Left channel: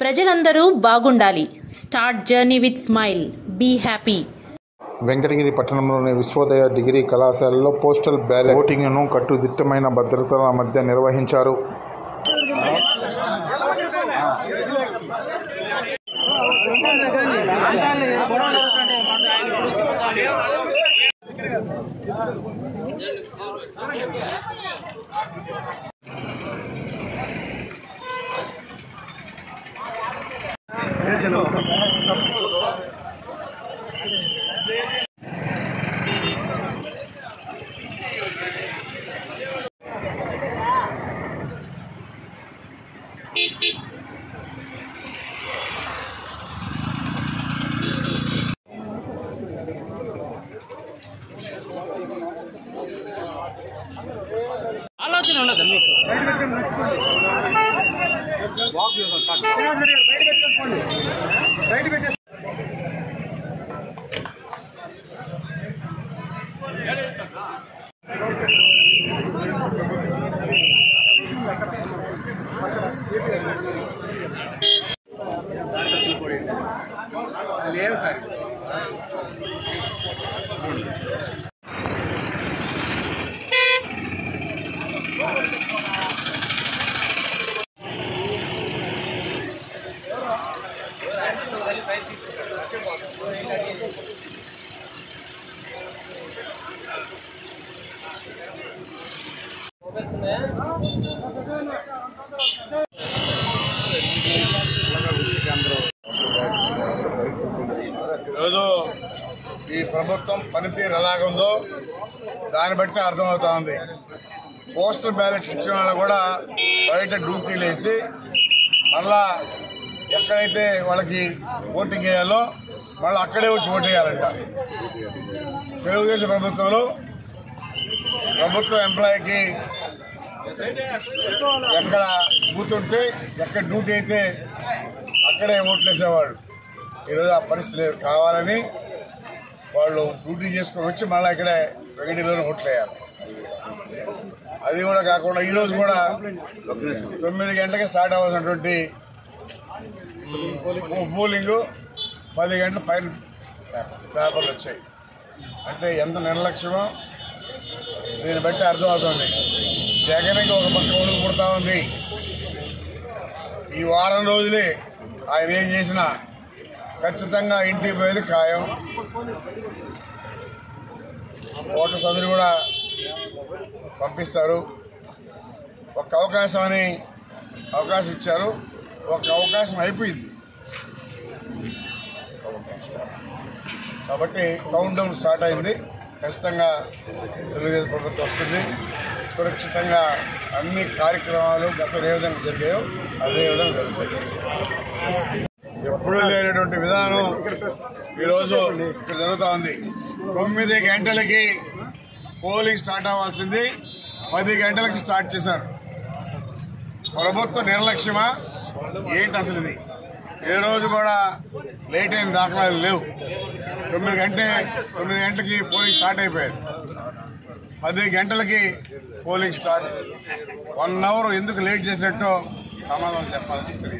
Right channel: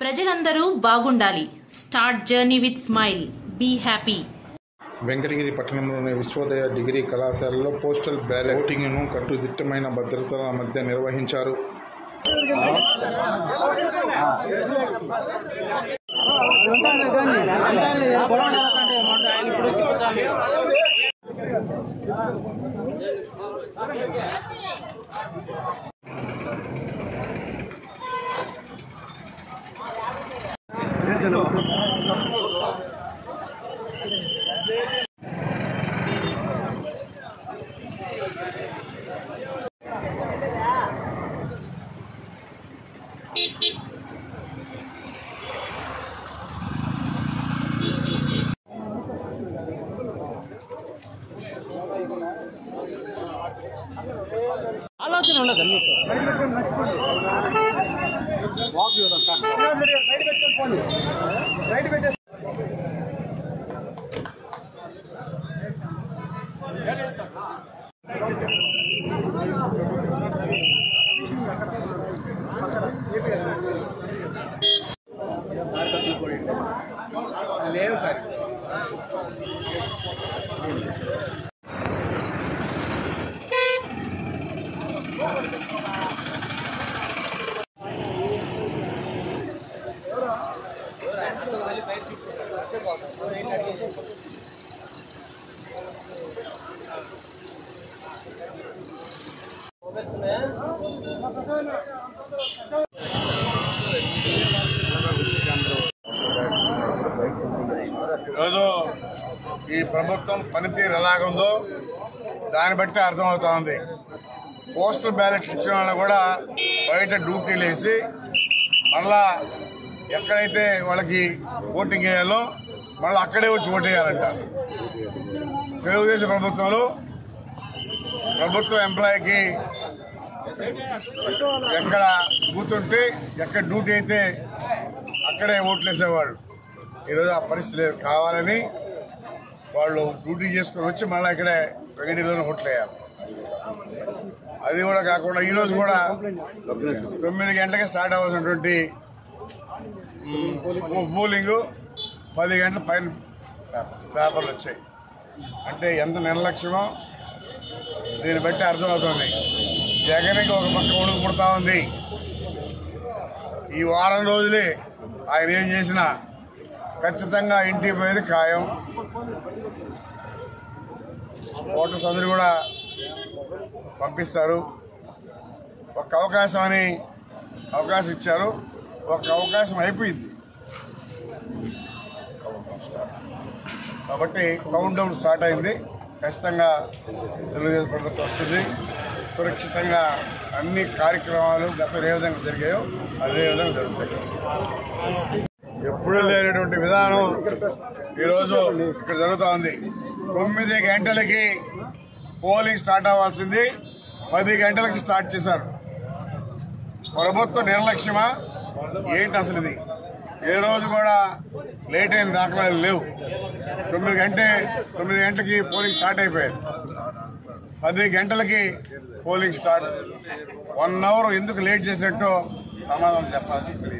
ప్రజలందరూ బాగుండాలి. Start journey with smile. Be happy. Venkatagiri పట్టణంలోని విశ్వోదయ డిగ్రీ కళాశాలలో పోస్టల్ బ్యాలెట్ ఓటింగ్ను కట్టుదిట్టమైన భద్రతల మధ్య నిర్వహించారు. ఆలోచన ఉండదు మీకు లేవు సార్. ఈరోజు ఈ ప్రభుత్వం పనితీరు ఎలాగుందో దాన్ని బట్టి అర్థమవుతా ఉంది. పోస్టల్ బ్యాలెట్ ఇచ్చిన వాళ్ళు కూడా బయట డ్యూటీలు వేసి మళ్ళా ఎక్కడైతే వాళ్ళకి ఓటింగ్ వేయాలో మళ్ళీ అక్కడే వచ్చి ఓటు వేయాలంట. తెలుగుదేశం ప్రభుత్వంలో ప్రభుత్వ ఎంప్లాయీకి ఎక్కడ కూతుంటే ఎక్కడ డ్యూటీ అయితే అక్కడే ఓట్లు వేసేవాళ్ళు. ఈరోజు ఆ పరిస్థితి లేదు. కావాలని వాళ్ళు డ్యూటీ చేసుకొని వచ్చి మళ్ళీ ఇక్కడే వెంకటగిరిలోనే ఓట్లు వేయాలి. అది కూడా కాకుండా ఈరోజు కూడా 9 గంటలకి స్టార్ట్ అవ్వాల్సినటువంటి పోలింగ్ 10 గంటల పైన పేపర్లు వచ్చాయి. అంటే ఎంత నిర్లక్ష్యమో దీన్ని బట్టి అర్థమవుతుంది. జగన్కి ఒక పక్క ఉడుకు పుడతా ఉంది. ఈ వారం రోజులే ఆయన ఏం చేసినా ఖచ్చితంగా ఇంటికి పోయేది ఖాయం. ఓటర్స్ అందరూ కూడా పంపిస్తారు. ఒక అవకాశం ఇచ్చారు. ఒక అవకాశం అయిపోయింది కాబట్టి కౌంట్ డౌన్ స్టార్ట్ అయింది. ఖచ్చితంగా తెలుగుదేశం ప్రభుత్వం వస్తుంది. సురక్షితంగా అన్ని కార్యక్రమాలు గతంలో ఏ విధంగా జరిగాయో అదే విధంగా జరుగుతాయి. ఎప్పుడూ లేనటువంటి విధానం ఈరోజు ఇక్కడ జరుగుతూ ఉంది. 9 గంటలకి పోలింగ్ స్టార్ట్ అవ్వాల్సింది 10 గంటలకి స్టార్ట్ చేశారు. ప్రభుత్వ నిర్లక్ష్యమా ఏంటి అసలు? ఇది ఏ రోజు కూడా లేట్ అయిన దాఖలాలు లేవు. 9 గంటలకి పోలింగ్ స్టార్ట్ అయిపోయేది. 10 గంటలకి పోలింగ్ స్టార్ట్. 1 అవర్ ఎందుకు లేట్ చేసినట్టు సమాధానం చెప్పాలని తెలియదు.